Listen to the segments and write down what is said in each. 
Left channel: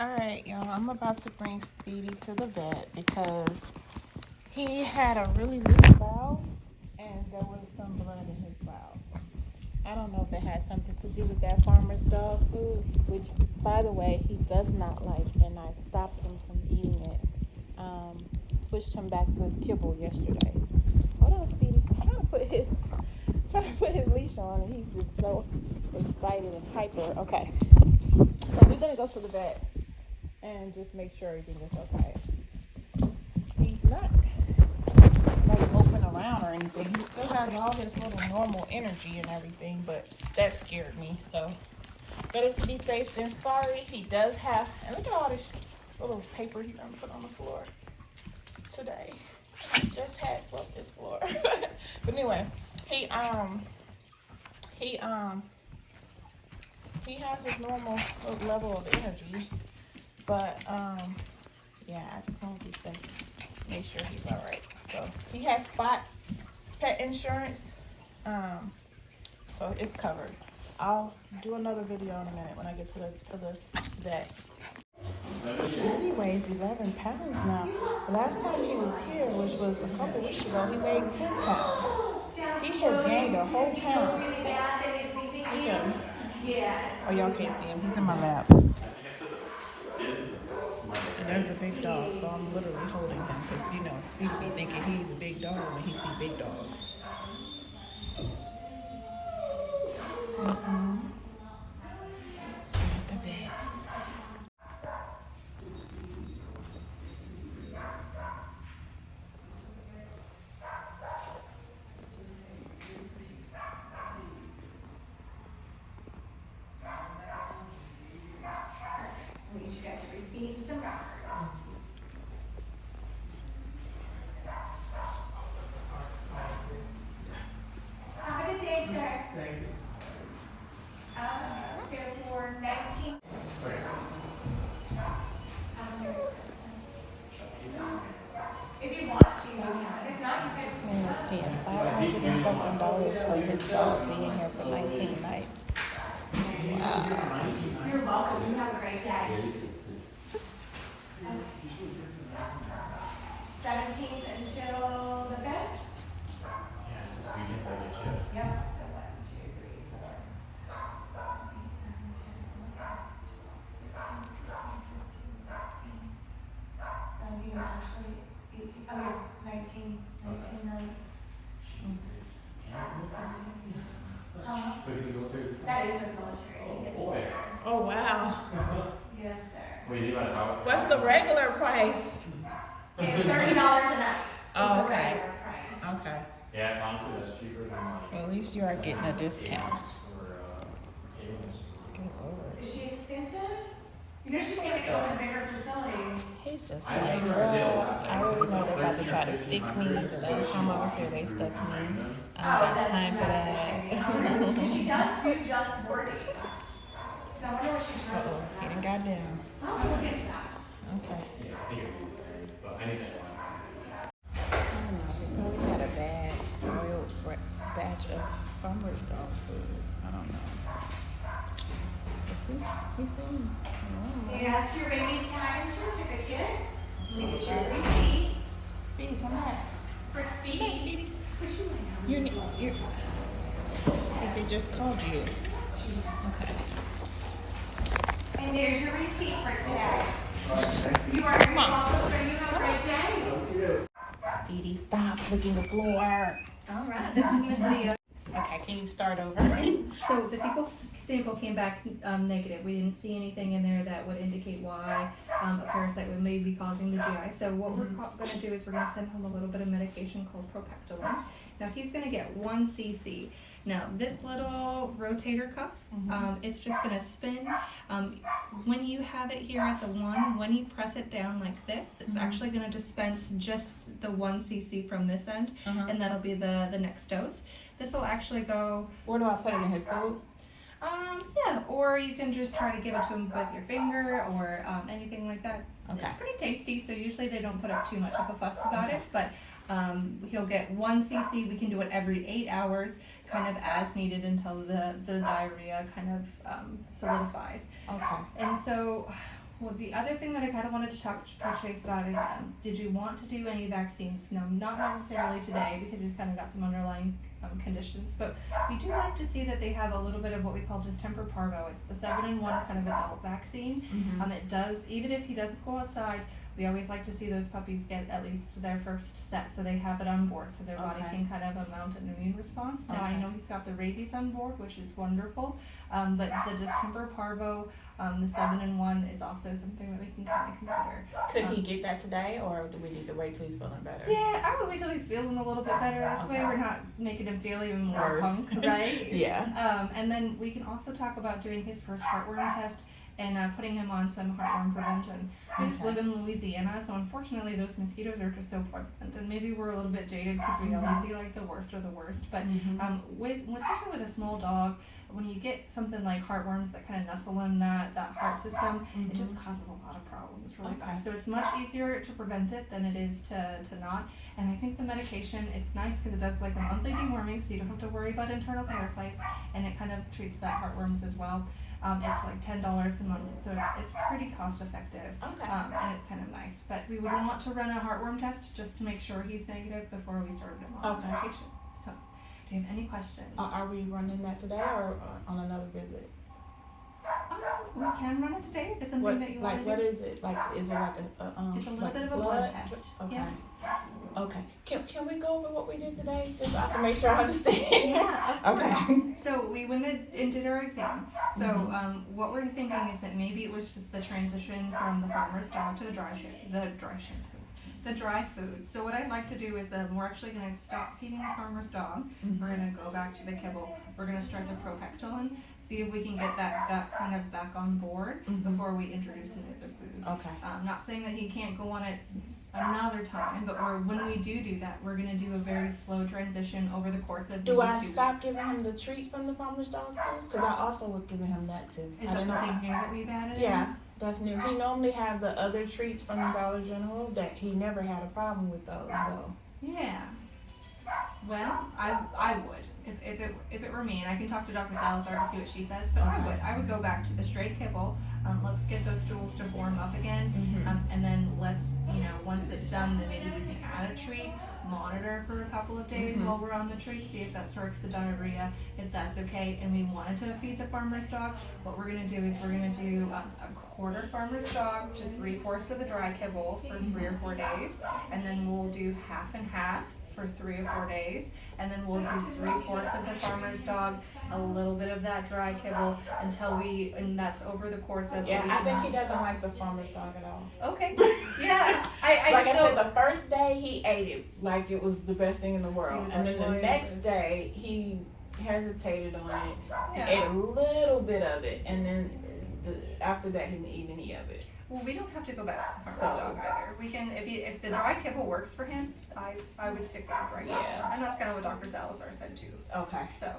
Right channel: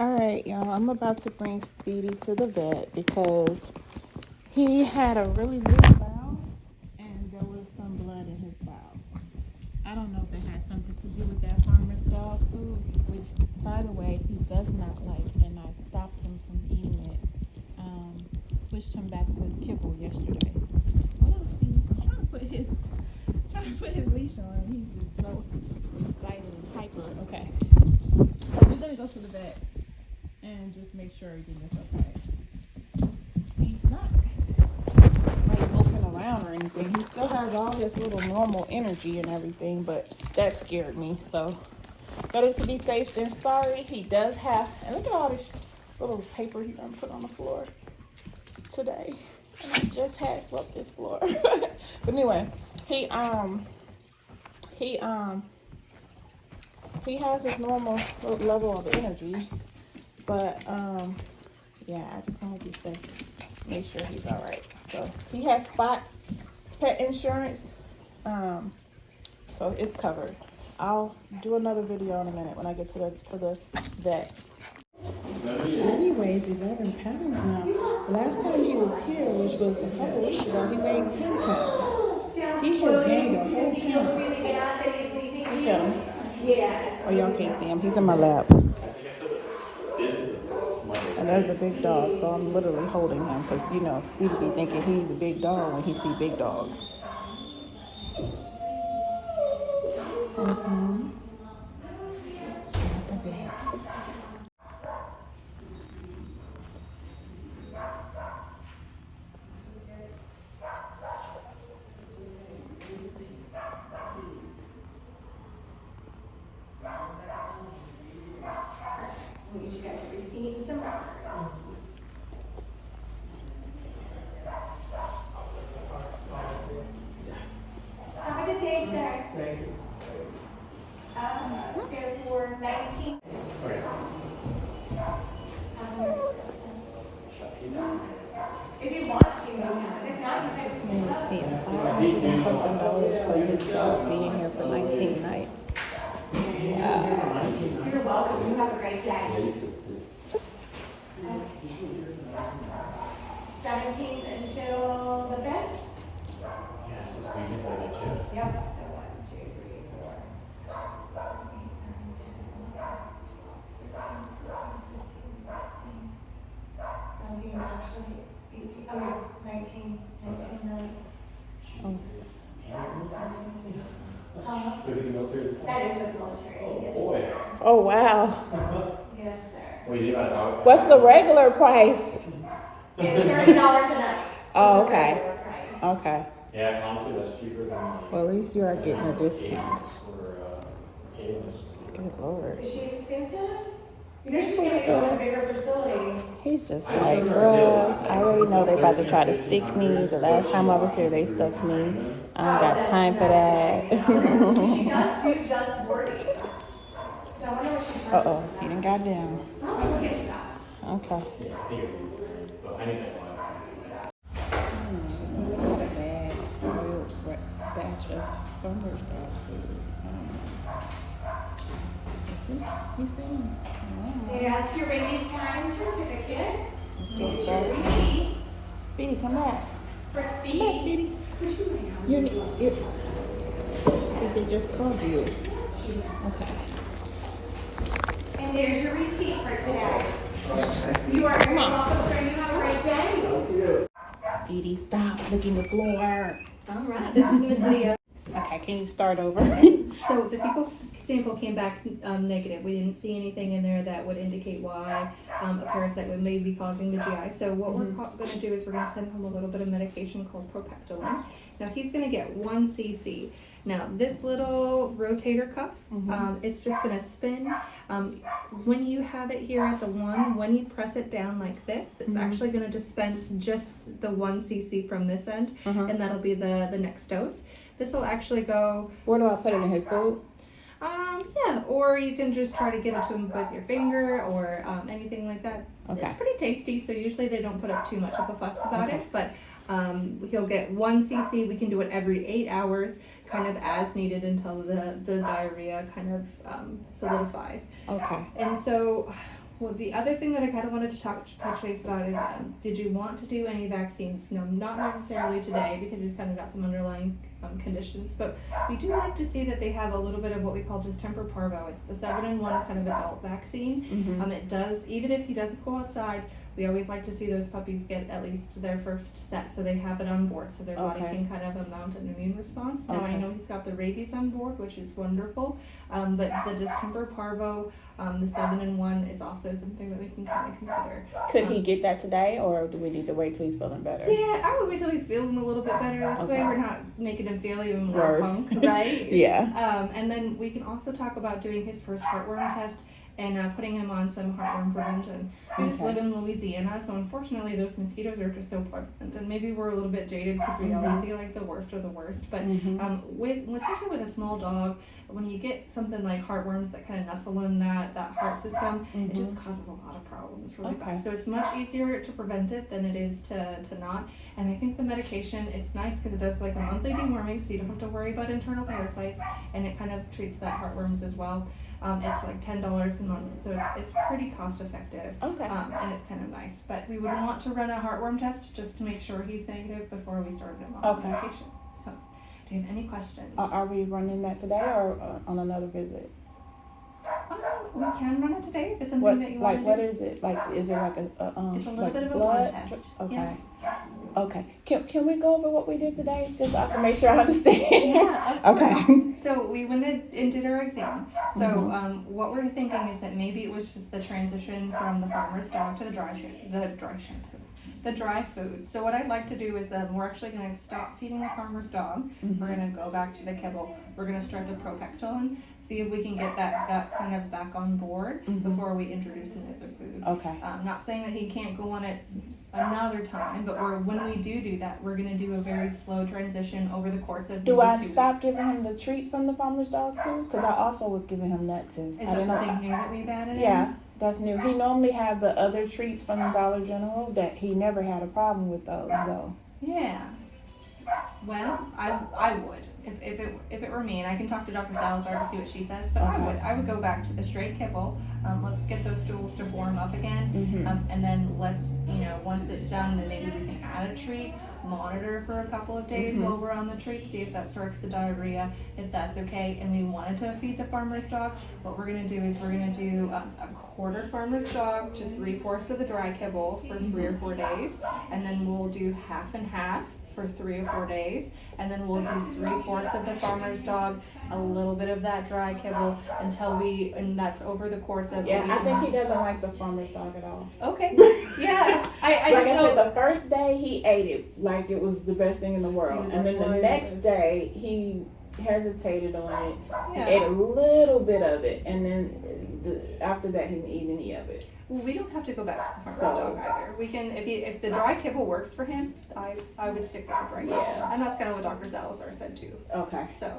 Alright, y'all, I'm about to bring Speedy to the vet because he had a really good bowel and there was some blood in his bowel. I don't know if it had something to do with that farmer's dog food, which, by the way, he does not like, and I stopped him from eating it. Switched him back to his kibble yesterday. Hold on, Speedy. I'm trying to put his leash on, and he's just so excited and hyper. Okay, we're gonna go to the vet and just make sure everything is okay. He's not like messing around or anything. He still has all this little normal energy and everything, but that scared me. So better to be safe than sorry. He does have, and look at all this little paper he done put on the floor today. He just had swept this floor. But anyway, he has his normal level of energy, but yeah, I just want to be safe, make sure he's all right. So he has spot pet insurance, so it's covered. I'll do another video in a minute when I get to the vet. He weighs 11 pounds now. The last time he was here, which was a couple weeks ago, he weighed 10 pounds. He has gained a whole pound. Yeah. Oh, y'all can't see him. He's in my lap. And there's a big dog, so I'm literally holding him because, you know, Speedy be thinking he's a big dog when he see big dogs. The bed. You guys are receiving some records. Have a good day, sir. Thank you. So for 19. If you want to, you can. If not, you can. $1something for his dog being here for 19 nights. Wow. You're welcome. You have a great day. 17th until the 5th? Yes, this weekend's like a chip. Yep. So 1, 2, 3, 4. 17, actually 18. Oh, yeah, 19 nights. That is with military. Yes, sir. Oh, wow. Yes, sir. What do you want to talk? What's the regular price? It's $30 a night. Oh, Is the okay. regular price. Okay. Yeah, honestly, that's cheaper than Well, at least you are getting a discount. for cables. Good Lord. Is she expensive? You know she's gonna go in a bigger facility. He's just like, girl, I already know they're about to try to stick me. The last time I was here, they stuck me. I ain't got time for that. She does do just boarding. So I wonder what she charges. Uh-oh, he done got down. Oh, we'll get to that. Okay. Yeah, I think it is. But I need that one. He's saying, That's your baby's time and certificate. Speedy, come back. For Speedy. They just called you. Okay. And there's your receipt for today. You are very welcome, sir. You have a great day. Speedy, stop licking the floor. All right, this is Miss Leah. Okay, can you start over? So the fecal sample came back negative. We didn't see anything in there that would indicate why a parasite would maybe be causing the GI. So what we're going to do is we're going to send him a little bit of medication called propactolin. Now he's going to get 1 cc. Now this little rotator cuff, it's just going to spin. When you have it here at the 1, when you press it down like this, it's actually going to dispense just the 1 cc from this end, and that'll be the next dose. This will actually go. Where do I put it in his food? Yeah, or you can just try to give it to him with your finger or anything like that. Okay. It's pretty tasty, so usually they don't put up too much of a fuss about it, but he'll get 1 cc. We can do it every 8 hours, kind of as needed until the diarrhea kind of solidifies. Okay. And so Well, the other thing that I kind of wanted to touch base about is, did you want to do any vaccines? No, not necessarily today because he's kind of got some underlying conditions, but we do like to see that they have a little bit of what we call distemper parvo. It's the 7-in-1 kind of adult vaccine. It does, even if he doesn't go outside, we always like to see those puppies get at least their first set, so they have it on board, so their body can kind of mount an immune response. Now I know he's got the rabies on board, which is wonderful, but the distemper parvo, the 7-in-1 is also something that we can kind of consider. Could he get that today, or do we need to wait till he's feeling better? Yeah, I would wait till he's feeling a little bit better. This way we're not making him feel even more Worse. punk, right? Yeah. And then we can also talk about doing his first heartworm test and putting him on some heartworm prevention. We just live in Louisiana, so unfortunately those mosquitoes are just so prevalent. And maybe we're a little bit jaded because we always see like the worst of the worst. But especially with a small dog, when you get something like heartworms that kind of nestle in that heart system, it just causes a lot of problems really fast. So it's much easier to prevent it than it is to not. And I think the medication, it's nice because it does like a monthly deworming, so you don't have to worry about internal parasites, and it kind of treats that heartworms as well. It's like $10 a month, so it's pretty cost effective. Okay. And it's kind of nice. But we would want to run a heartworm test just to make sure he's negative before we started him on medication. So, do you have any questions? Are we running that today or on another visit? We can run it today if it's something that you want to do. What is it? Like, is it like It's a little like bit of a blood test. Okay. Yeah. Okay. Can we go over what we did today? Just so I can make sure I understand. Yeah, of course. Okay. So we went and did our exam. So what we're thinking is that maybe it was just the transition from the farmer's dog to the dry food. So what I'd like to do is we're actually going to stop feeding the farmer's dog. We're going to go back to the kibble. We're going to start the Procactolin, see if we can get that gut kind of back on board before we introduce another food. Okay. Not saying that he can't go on it another time, but when we do that, we're going to do a very slow transition over the course of Do maybe I 2 stop weeks. giving him the treat from the farmer's dog too? Because I also was giving him that too. Is I that didn't know- something new that we've added in? Yeah, that's new. He normally have the other treats from the Dollar General that he never had a problem with those though. Yeah. Well, I would. If it were me, and I can talk to Dr. Salazar to see what she says, but I would go back to the straight kibble. Let's get those stools to form up again, and then let's, once it's done, then maybe we can add a treat, monitor for a couple of days while we're on the treat, see if that starts the diarrhea, if that's okay, and we wanted to feed the farmer's dog. What we're gonna do is we're gonna do a quarter farmer's dog to 3/4 of the dry kibble for 3 or 4 days, and then we'll do half and half for 3 or 4 days, and then we'll do 3/4 of the farmer's dog, a little bit of that dry kibble until and that's over the course of a week. I think he doesn't like the farmer's dog at all. Okay. Yeah. I Like I know. said, the first day he ate it like it was the best thing in the world, and then the next day he hesitated on it. Yeah. He ate a little bit of it, and then after that he didn't eat any of it. Well, we don't have to go back to the farmer's dog either. We can, if the dry kibble works for him, I would stick with it right now. Yeah. And that's kind of what Dr. Salazar said too. Okay. So,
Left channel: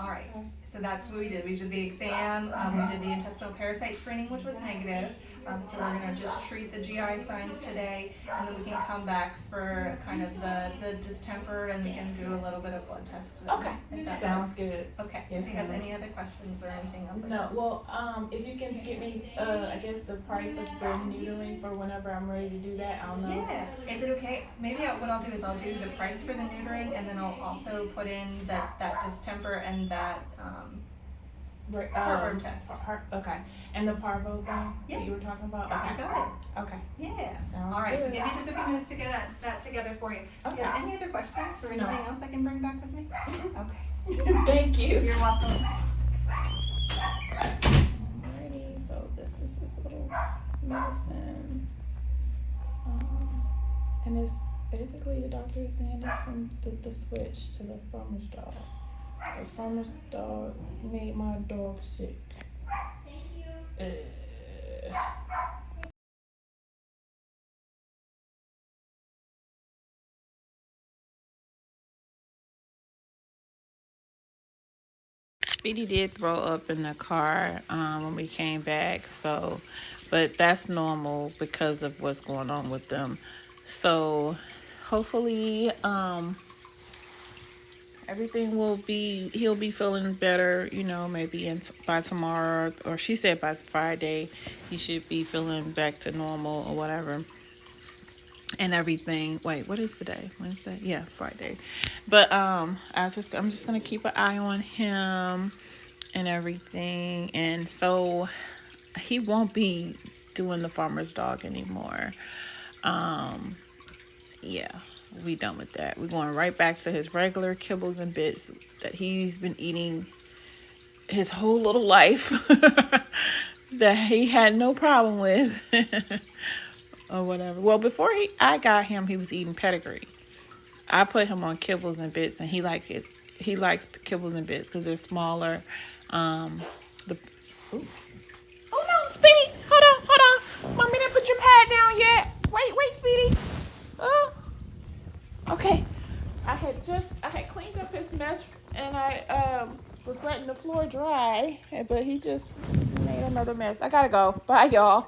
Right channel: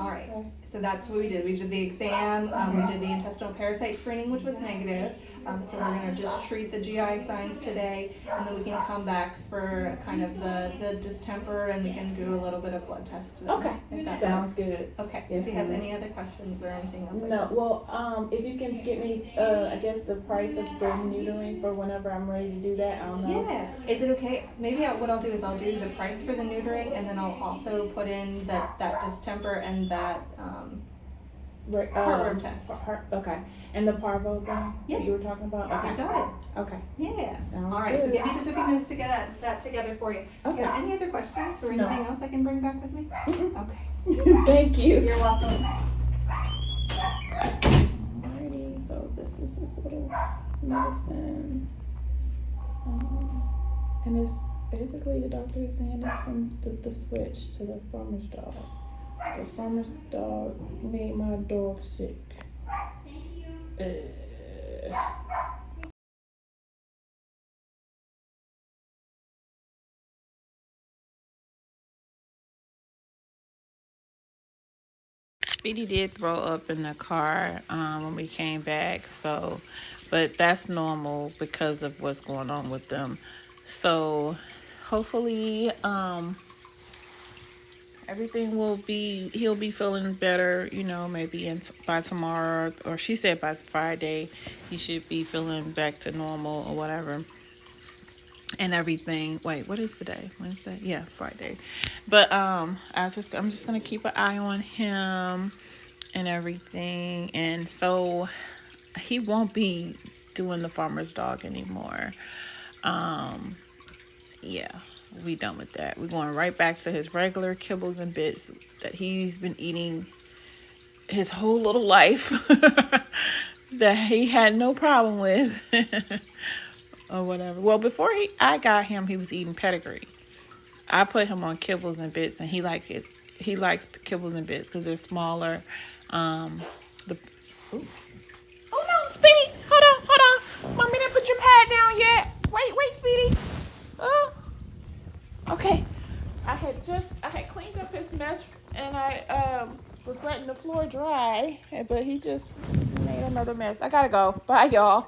all right. So that's what we did. We did the exam. We did the intestinal parasite screening, which was negative. So we're gonna just treat the GI signs today, and then we can come back for kind of the distemper, and we can do a little bit of blood test. Okay. If that Sounds works. good. Okay. Yes, Do you have ma'am. any other questions or anything else? No, well, if you can get me, I guess the price of the neutering for whenever I'm ready to do that, I don't know. Yeah. Is it okay? Maybe what I'll do is I'll do the price for the neutering, and then I'll also put in that distemper and that heartworm test. Okay, and the parvo thing Yeah. that you were talking about? You Okay. got it. Okay. Yeah. Sounds All right. So good. give me just a few minutes to get that together for you. Do you Okay. have any other questions or No. anything else I can bring back with me? Okay. Thank you. You're welcome. Alrighty, so this is his little medicine. And it's basically the doctor is saying it's from the switch to the farmer's dog. The farmer's dog made my dog sick. Speedy did throw up in the car when we came back, but that's normal because of what's going on with them. So hopefully everything will be, he'll be feeling better, you know, maybe by tomorrow, or she said by Friday he should be feeling back to normal or whatever and everything. Wait, what is today? Wednesday? Yeah, Friday. But I'm just gonna keep an eye on him and everything, and so he won't be doing the farmer's dog anymore. Yeah, we done with that. We're going right back to his regular kibbles and bits that he's been eating his whole little life that he had no problem with or whatever. Well, before I got him, he was eating pedigree. I put him on kibbles and bits, and he likes kibbles and bits because they're smaller. The ooh. Oh no, Speedy! Hold on. Mommy didn't put your pad down yet. Wait, Speedy. Oh, okay. I had cleaned up his mess, and I was letting the floor dry, but he just made another mess. I gotta go. Bye, y'all.